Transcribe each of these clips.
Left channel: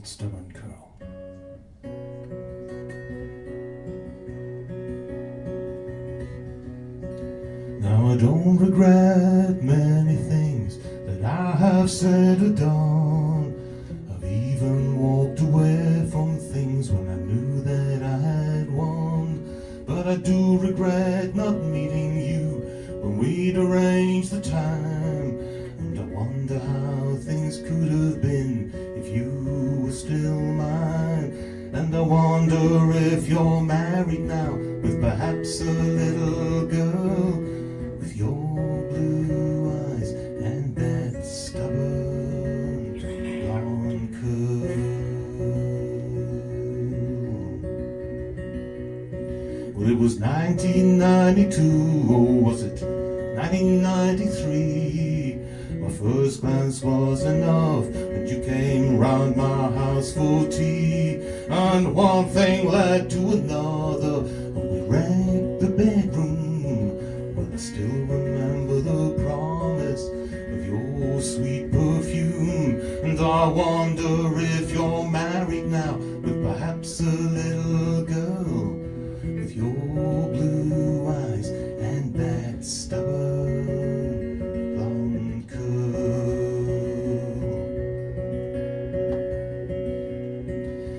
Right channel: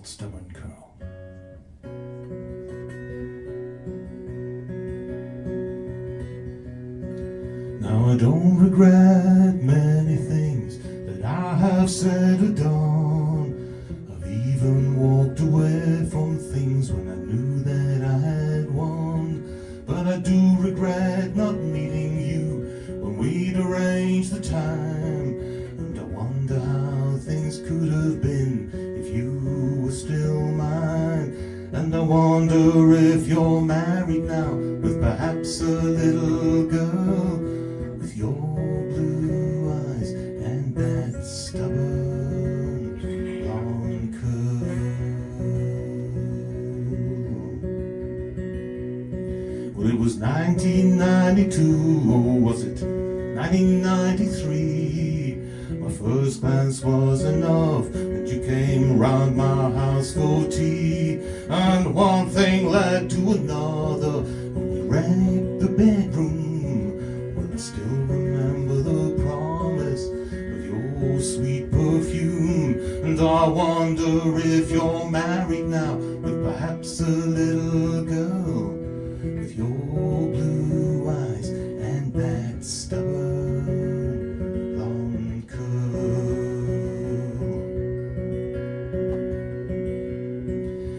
wild stubborn curl. Now I don't regret many things that I have said or done. I've even walked away from things when I knew that I had won. But I do regret not meeting you when we'd arranged the time. And I wonder how things could have been if you were still mine. And I wonder if you're married now with perhaps a little girl, with your blue eyes and that stubborn blonde curl. Well, it was 1992, or was it 1993? My first glance was enough, and you came round my house for tea. And one thing led to another, and we wrecked the bedroom. Well, I still remember the promise of your sweet perfume. And I wonder if you're married now with perhaps a little girl, with your blue eyes and that stubborn blonde curl.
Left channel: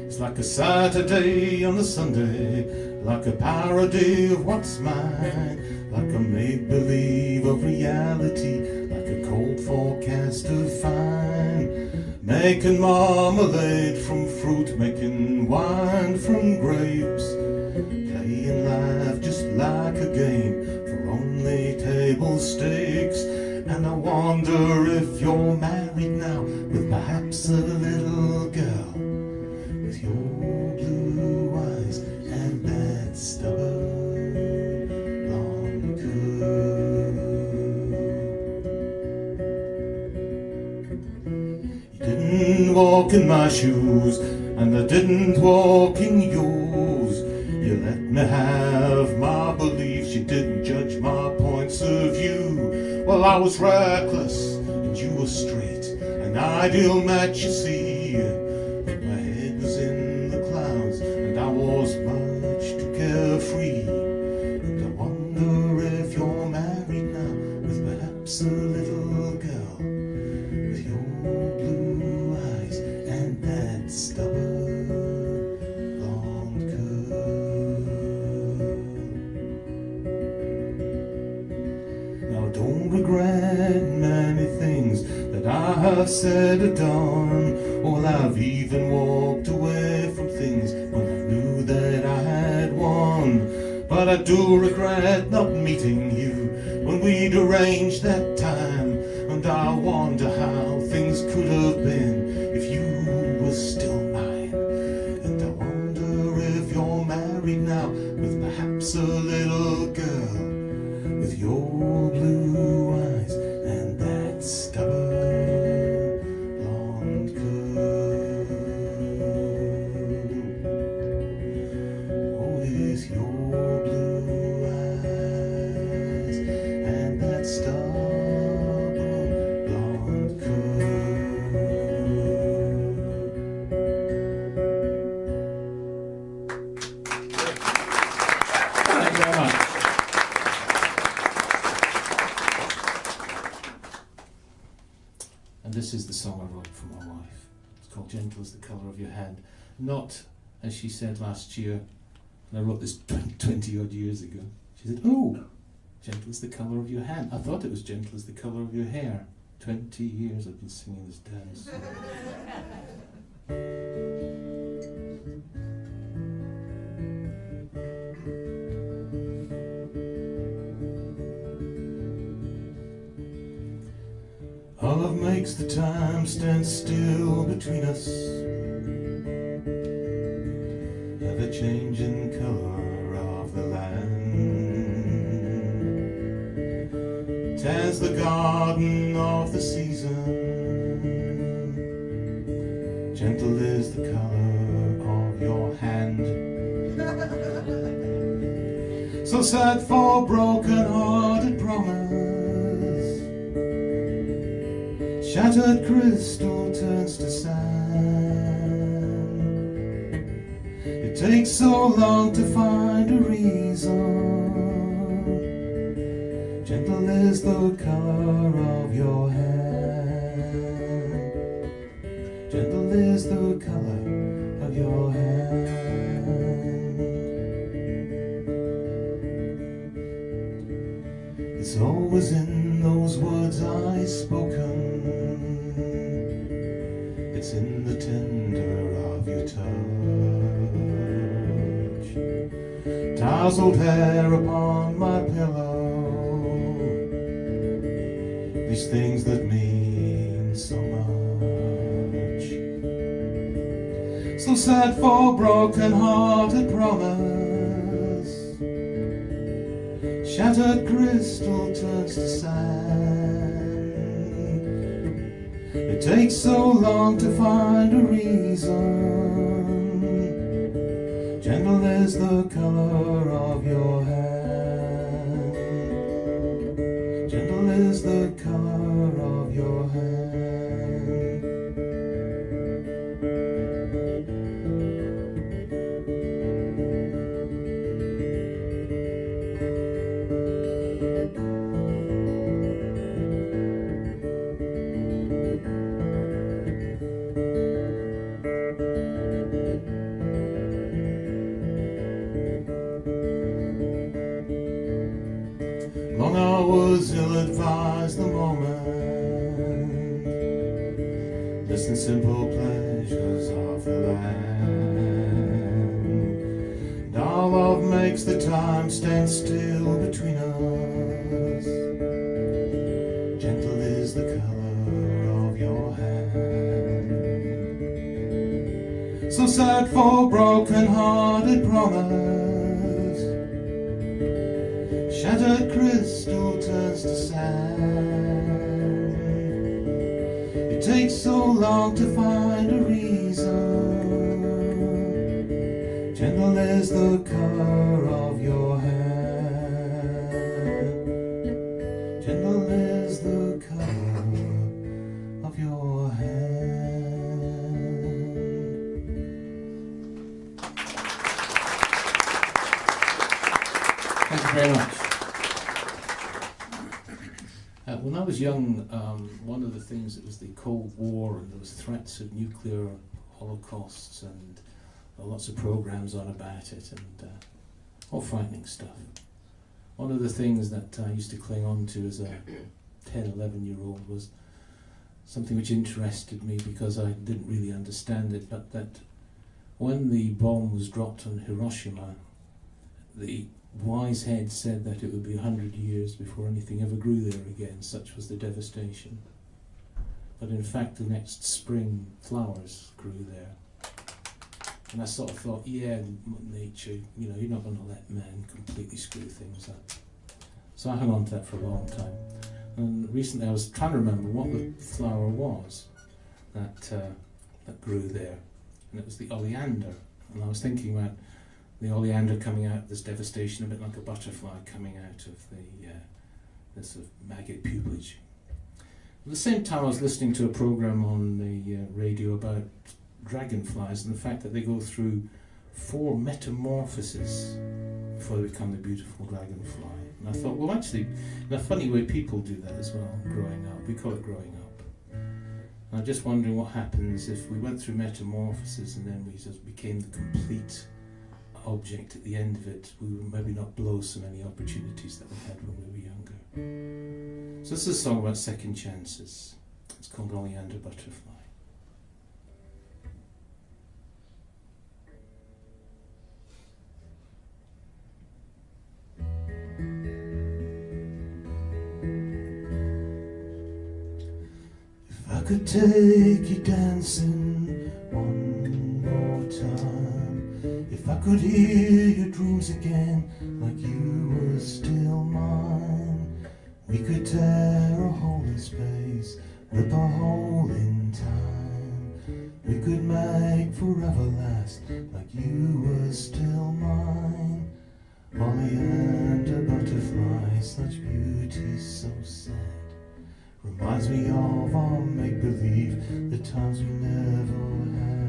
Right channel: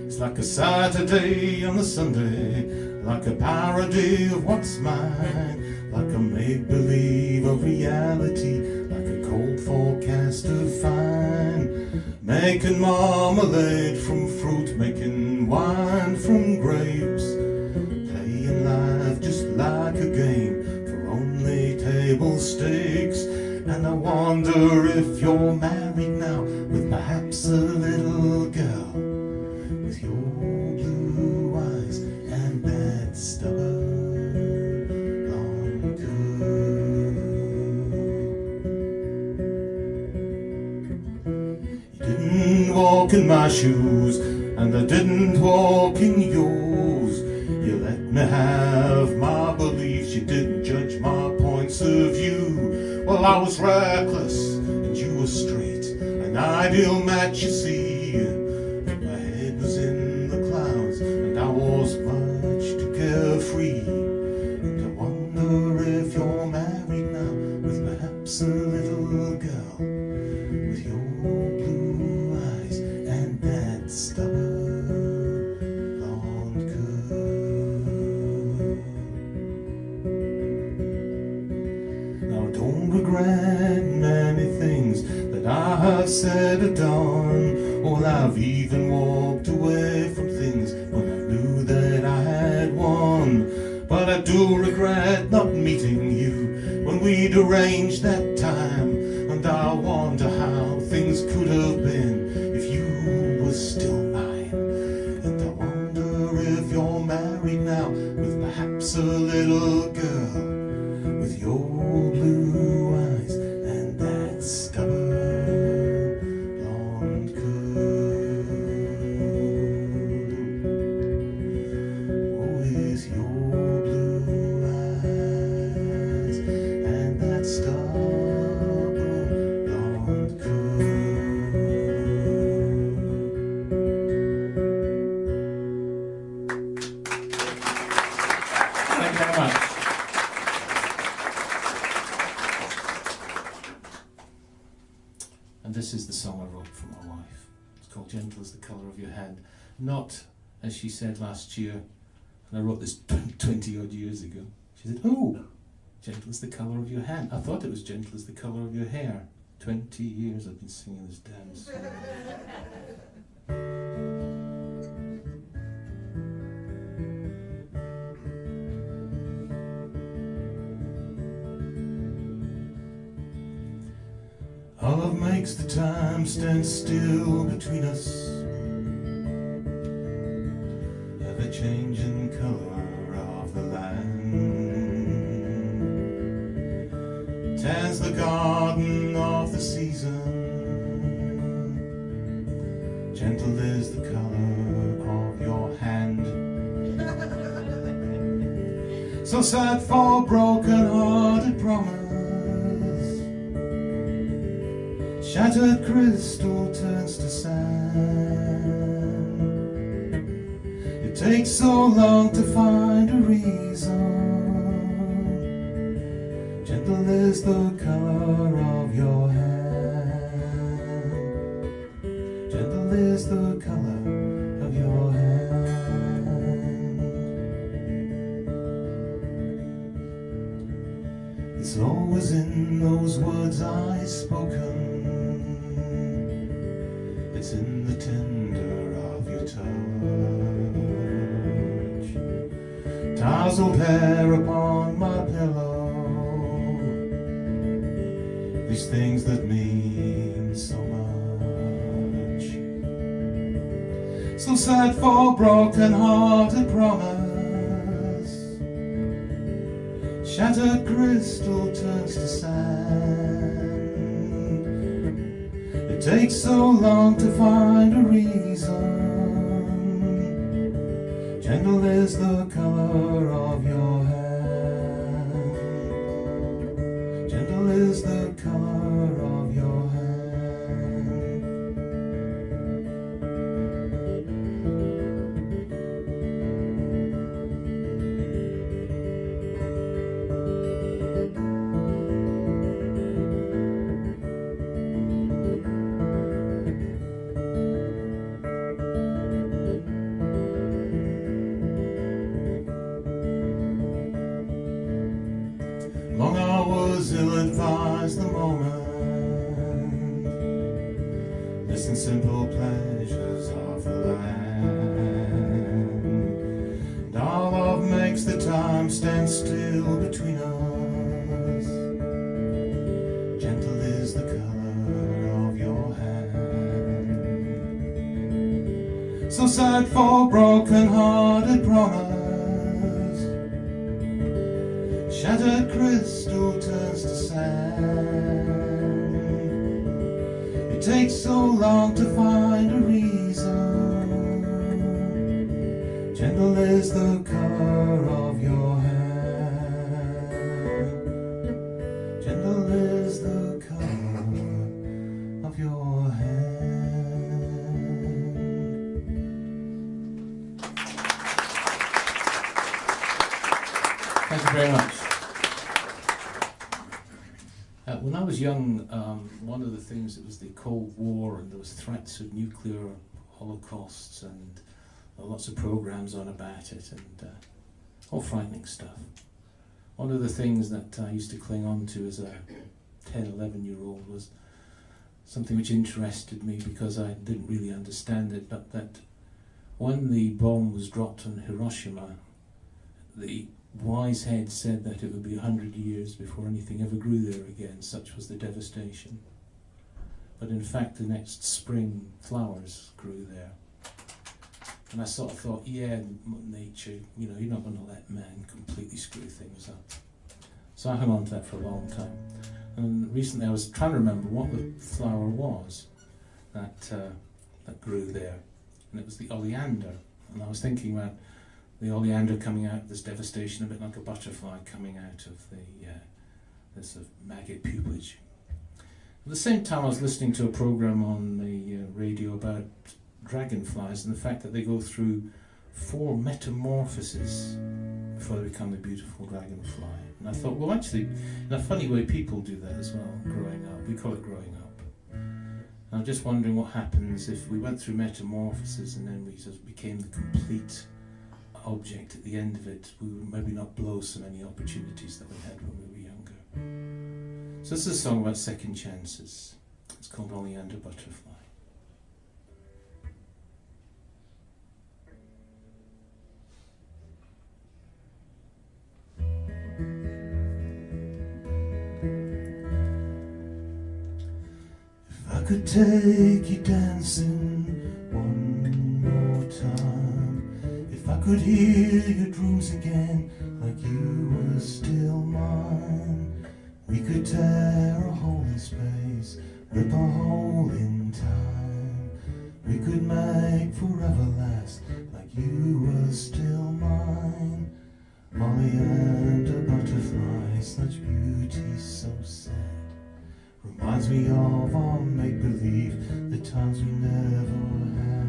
It's like a Saturday on a Sunday, like a parody of what's mine, like a make-believe of reality, like a cold forecast of fine. Making marmalade from fruit, making wine from grapes, playing life just like a game for only table stakes. And I wonder if you're married now with perhaps a little girl, with your blue eyes and that stubborn blonde curl. You didn't walk in my shoes, and I didn't walk in yours. You let me have my beliefs, you didn't judge my points of view. Well, I was reckless and you were straight, an ideal match, you see. But my head was in the clouds and I was much too carefree. And I wonder if you're married now with perhaps a little girl, with your blue eyes and that stubborn blonde curl. Now don't regret many things that I have said or done. Well, I've even walked away from things when I knew that I had won. But I do regret not meeting you when we'd arranged that time. And I wonder how things could have been if you were still mine. And I wonder if you're married now with perhaps a little girl, with your blue eyes and that stubborn blonde curl. Oh, with your blue eyes and that stubborn blonde curl. Thank you very much. And this is the song I wrote for my wife. It's called Gentle as the Colour of Your Hand. Not, as she said last year, and I wrote this 20 odd years ago. She said, oh, gentle as the colour of your hand. I thought it was gentle as the colour of your hair. 20 years I've been singing this dance. Our love makes the time stand still between us, ever-changing colour of the land, tans the garden of the season. Gentle is the colour of your hand. So sad for broken-hearted promise, shattered crystal turns to sand. It takes so long to find a reason. Gentle is the color of your hand. Gentle is the color of your hand. It's always in those words I've spoken. It's in the tender of your touch. Tousled hair upon my pillow. These things that mean so much. So sad for broken-hearted promise. Shattered crystal turns to sand. It takes so long to find a reason. Gentle is the color of your hand. Gentle is the color of your hand. Long hours ill-advised the moment. Listen, simple pleasures of the land. Our love makes the time stand still between us. Gentle is the color of your hand. So sad for broken-hearted promise. Shattered crystal turns to sand. It takes so long to find a reason. Gentle is the color of your hand. Gentle is the color of your hand. Thank you very much. When I was young, one of the things, it was the Cold War, and there was threats of nuclear holocausts, and lots of programs on about it, and all frightening stuff. One of the things that I used to cling on to as a 10, 11-year-old was something which interested me because I didn't really understand it, but that when the bomb was dropped on Hiroshima, the wise head said that it would be 100 years before anything ever grew there again, such was the devastation. But in fact, the next spring, flowers grew there. And I sort of thought, yeah, nature, you know, you're not going to let man completely screw things up. So I hung on to that for a long time. And recently I was trying to remember what the flower was that grew there. And it was the oleander. And I was thinking about the oleander coming out, this devastation, a bit like a butterfly coming out of this maggot pupillage. At the same time, I was listening to a program on the radio about dragonflies and the fact that they go through 4 metamorphoses before they become the beautiful dragonfly. And I thought, well, actually, in a funny way, people do that as well, growing up. We call it growing up. And I'm just wondering what happens if we went through metamorphoses and then we just became the complete object at the end of it. We would maybe not blow so many opportunities that we had when we were younger. So this is a song about second chances. It's called Oleander Butterfly. If I could take you dancing one more time, if I could hear your dreams again like you were still mine, we could tear a hole in space, rip a hole in time, we could make forever last like you were still mine. Oleander butterfly, such beauty so sad, reminds me of our make-believe, the times we never had.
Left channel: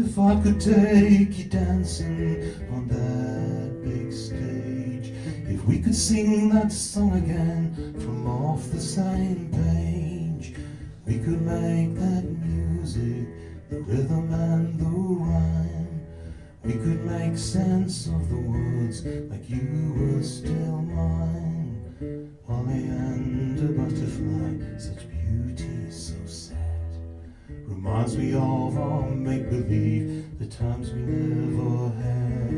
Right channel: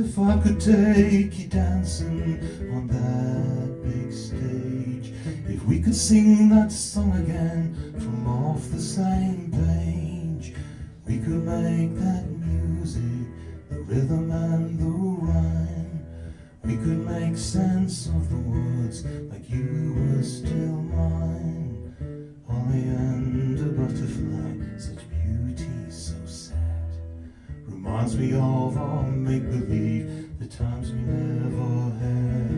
If I could take you dancing on that big stage, if we could sing that song again from off the same page, we could make that music, the rhythm and the rhyme. We could make sense of the words like you were still mine. Oleander butterfly, such beauty so sad. Reminds me of our make-believe, the times we never had.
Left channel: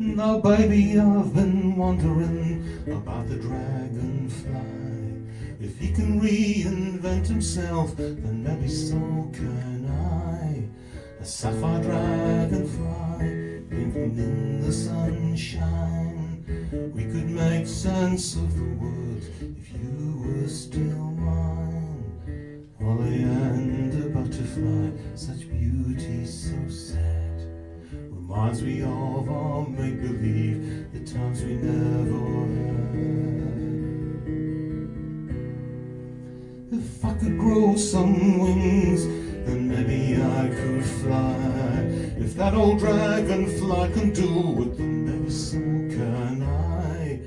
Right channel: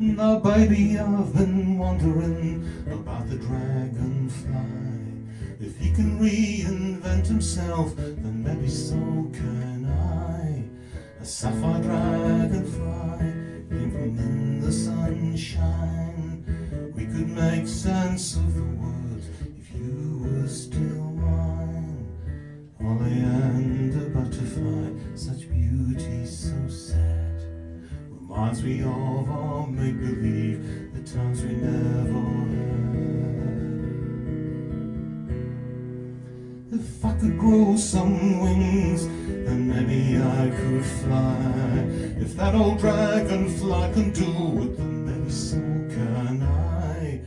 Now baby, I've been wondering about the dragonfly. If he can reinvent himself, then maybe so can I. A sapphire dragonfly, blinking in the sunshine. We could make sense of the words if you were still mine. Oleander butterfly, such beauty so sad. Reminds me of our make-believe, the times we never had. If I could grow some wings, then maybe I could fly. If that old dragonfly can do it, then maybe so can I.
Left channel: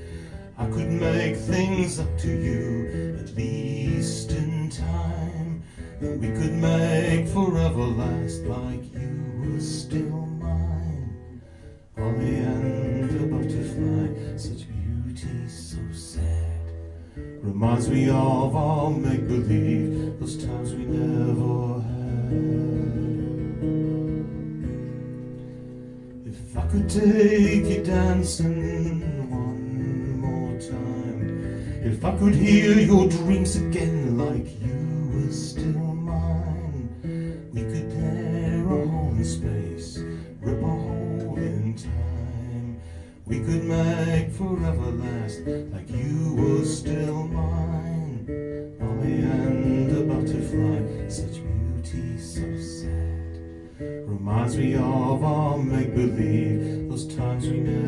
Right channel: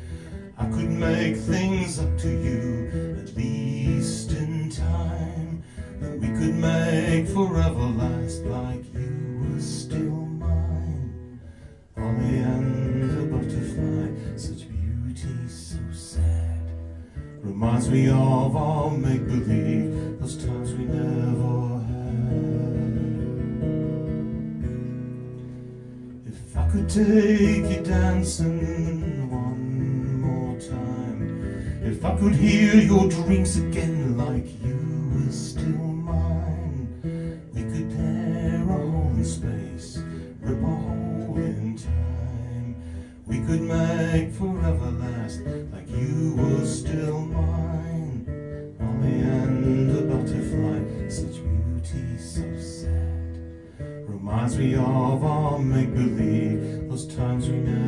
I could make things up to you, at least in time. And we could make forever last like you were still mine. Oleander butterfly, such beauty so sad. Reminds me of our make-believe, those times we never had. If I could take you dancing one more time, if I could hear your dreams again like you were still mine, we could tear a hole in space, rip a hole in time. We could make forever last like you were still mine. Oleander butterfly, such beauty so sad. Reminds me of our make-believe, those times we never